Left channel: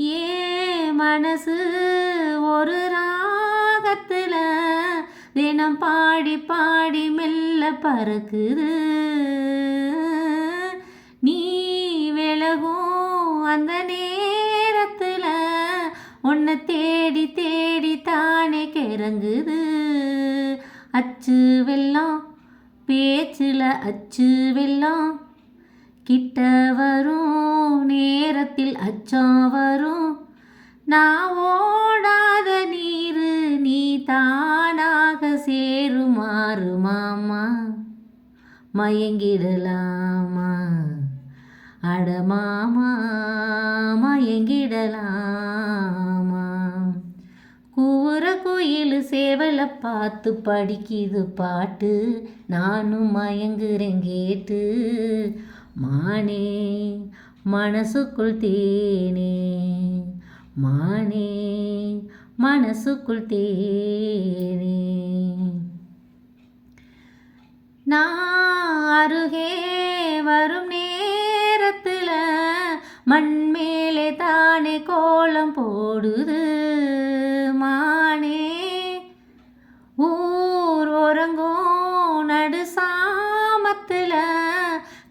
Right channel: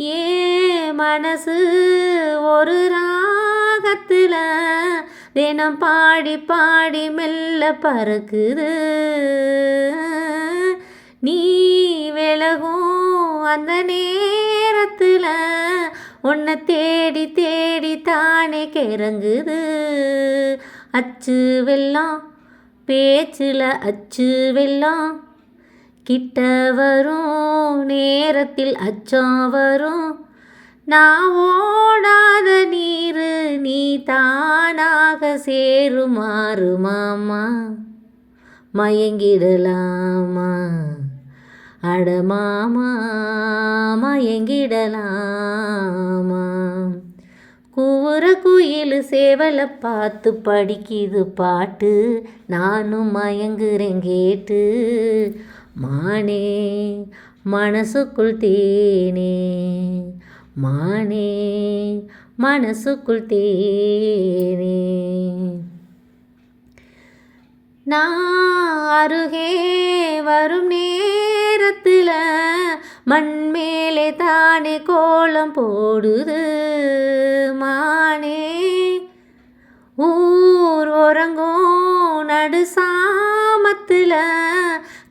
ஏ மனசு ஒரு ராகத்தில் தினம் பாடி பாடி மெல்ல பறக்குது. நீ விலகும் அந்த நேரத்தில் உன்னை தேடி தேடி தானே கிறங்குது. அச்சு வெல்லம் பேச்சில் அச்சு வெல்லம் கிட்ட வரும் நேரத்தில் அச்சம் வரும். நான் ஓடாத நீர் நீ தானாக சேருமாறு மாமா மயங்கிடலாமா அடமாமா மயங்கிடலாமா. கூற குயில் சேவலை பார்த்து படிக்குது பாட்டு, நானும் மயங்குறேன் கேட்டு. மானே மனசுக்குள் தேனே மானே மனசுக்குள் தேனே. நான் அருகே வரும் நேரத்தில் மண் மேலே தானே கோலம் போடுது. மானே ஊர் உறங்கும் நடு சாமத்தில்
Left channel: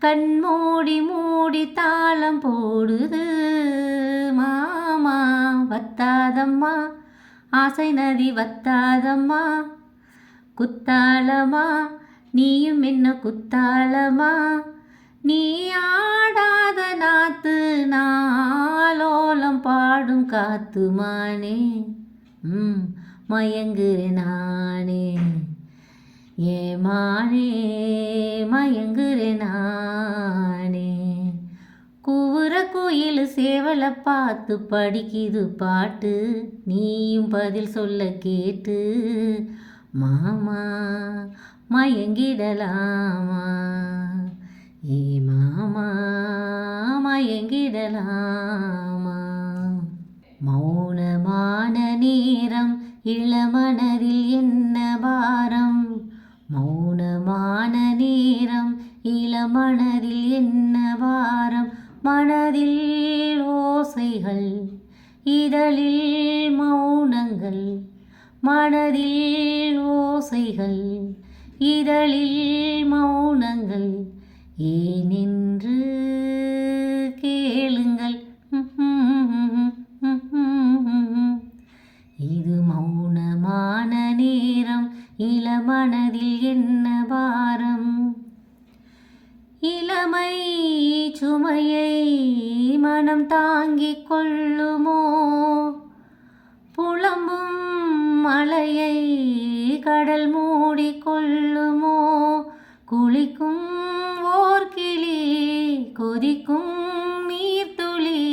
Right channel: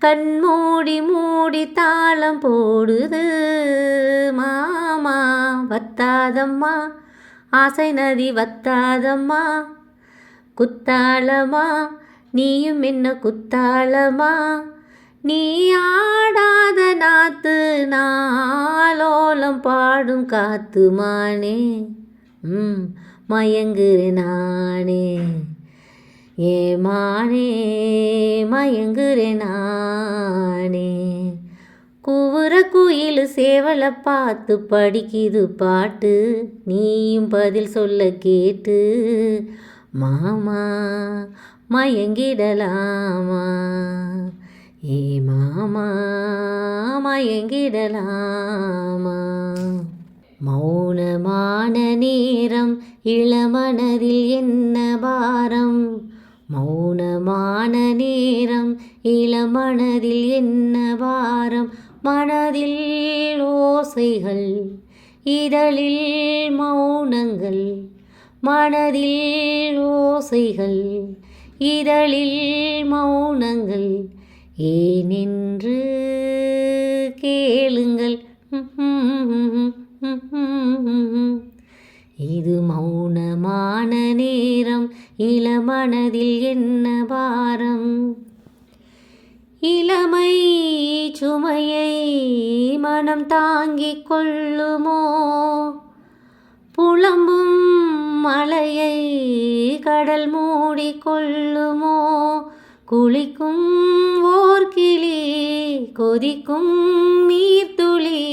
கண் மூடி மூடி தாளம் போடுது. மாமா வத்தாதம்மா ஆசை நதி வத்தாதம்மா, குத்தாளமா நீயும் என்ன குத்தாளமா. நீ ஆடாத நாத்து நாளோலம் பாடும் காத்து மானே மயங்குறேன் நானே ஏ மானே மயங்குறேன் நானே. கூவுற குயில் சேவலை பார்த்து படிக்குது பாட்டு, நீயும் பதில் சொல்ல கேட்டு. மாமா மயங்கிடலாமா ஏ மாமா மயங்கிடலாமா. மௌனமான நேரம் இளமனதில் என்ன பாரம், மௌனமான நேரம் இளமனதில் என்ன பாரம். மனதில் ஓசைகள் இதழில் மௌனங்கள், மனதில் ஓசைகள் இதழில் மௌனங்கள். ஏனென்று கேளுங்கள் இது மௌனமான நேரம் இளமனதில் என்ன பாரம். இளமை சுமையை மனம் தாங்கிக் கொள்ளுமோ, புலம்பும் மலையை கடல் மூடிக்கொள்ளுமோ. குளிக்கும் ஓர் கிளி கொதிக்கும் நீர்த்துளி,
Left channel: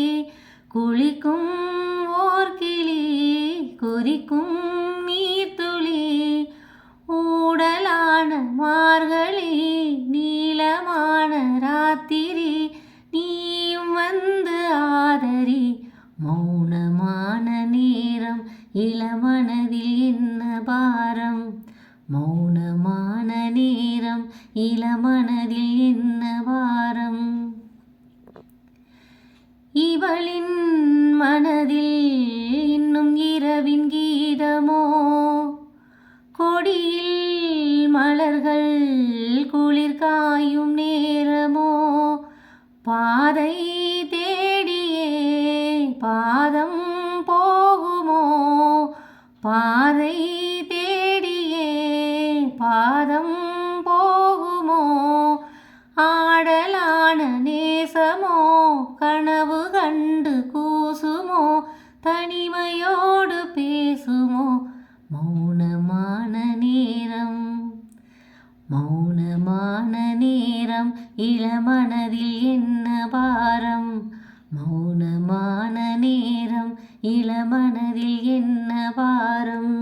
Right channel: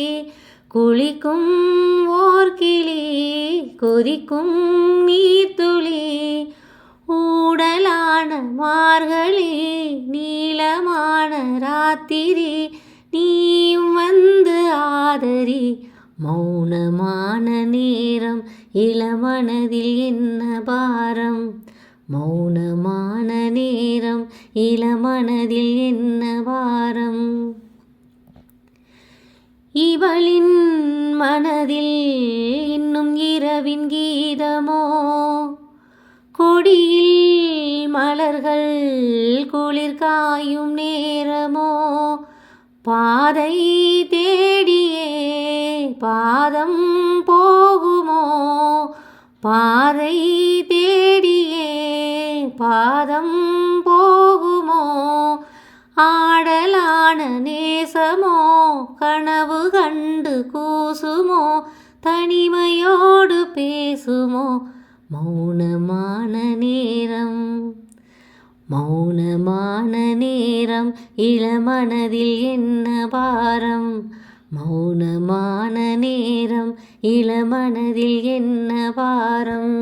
குளிக்கும் ஓர் கிளி கொதிக்கும் நீர்த்துளி. ஊடலான மார்கழி நீளமான ராத்திரி, நீயும் வந்து ஆதரி. மௌனமான நேரம் இளமனதில் என்ன பாரம், மௌனமான நேரம் இளமனதில் என்ன பாரம். இவளின் மனதில் இன்னும் இரவின் கீதமோ, கொடியில் மலர்கள் குளிர் காயும் நேரமோ. பாதை தேடியே பாதம் போகுமோ, பாதை தேடியே பாதம் போகுமோ. ஆடலான நேசமோ கனவு கண்டு கூசுமோ, தனிமையோடு பேசுமோ. மௌனமான நேரம் மௌனமான நேரம் இளமனதில் என்ன பாரம், மௌனமான நேரம் இளமனதில் என்ன பாரம்.